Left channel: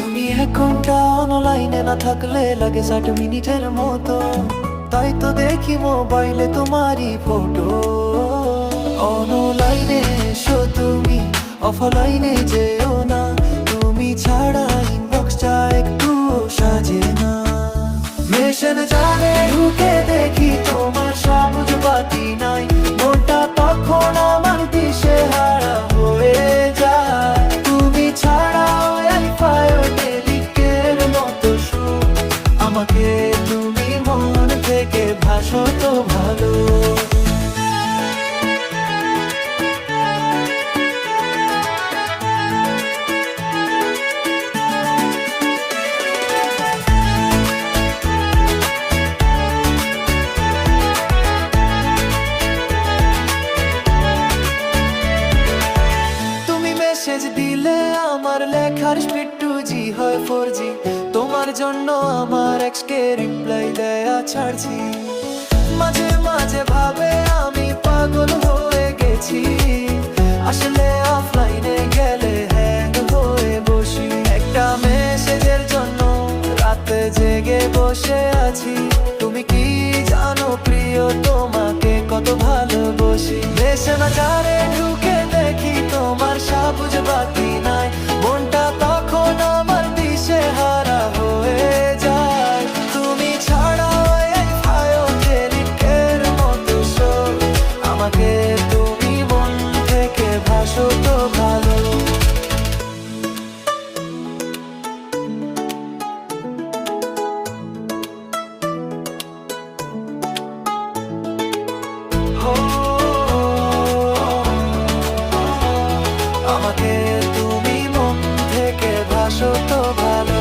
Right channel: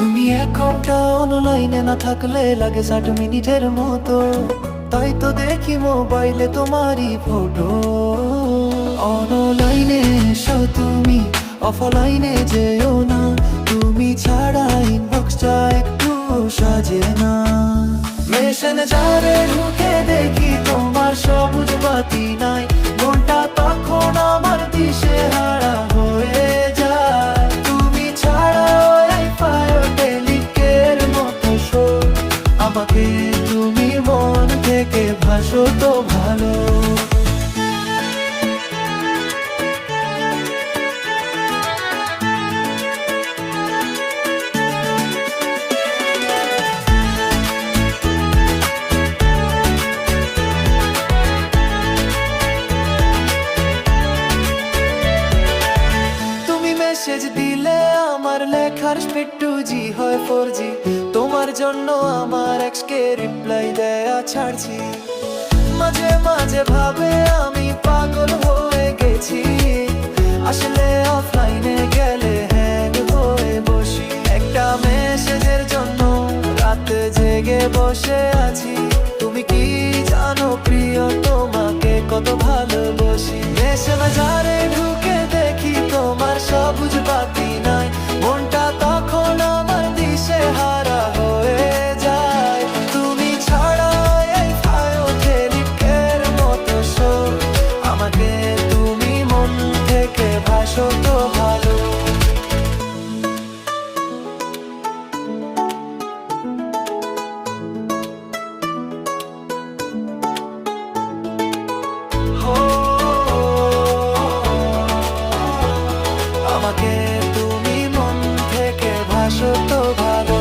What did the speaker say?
ঘণ্টা অনলাইনে না থাকলে লাগে ষাট মিনিটের মতো। তাই তো দেখি মোবাইলে তোমারই ফটো অনলাইনে এসো তুমি অফলাইনে যেও না। তুমি ছাড়া ইনবক্সটা একটু সাজে না। মেশন যারে ঢুকে দেখি তোমার সবুজ বাতি নাই। আমাকে তুমি মন থেকে ভাসো তো ভালো। মেসেজ দিলে আমার লেখার স্পিড টু জি হয় ফোর জি তোমার জন্য আমার এক্সকে রিপ্লাই দেয়া ছাড়ছি। মাঝে মাঝে ভাবে আমি পাগল হয়ে গেছি। আসলে অফলাইনে গেলে হ্যাং হয়ে বসি। একটা মেসেজের জন্য রাতে জেগে বসে আছি। তুমি কি জানো প্রিয়, তোমাকে কত ভালোবাসি। মেসেঞ্জারে ঢুকে দেখি সবুজ বাতি নাই। মনটা তখন আমার দিশে হারা হয়ে যায়। তুমি ছাড়া এই ফায়ো টেলিকের মতো শোক। আমাকে তুমি মন থেকে ভাসো তো ভালো। আমাকে তুমি মন থেকে ভাসো তো ভালো।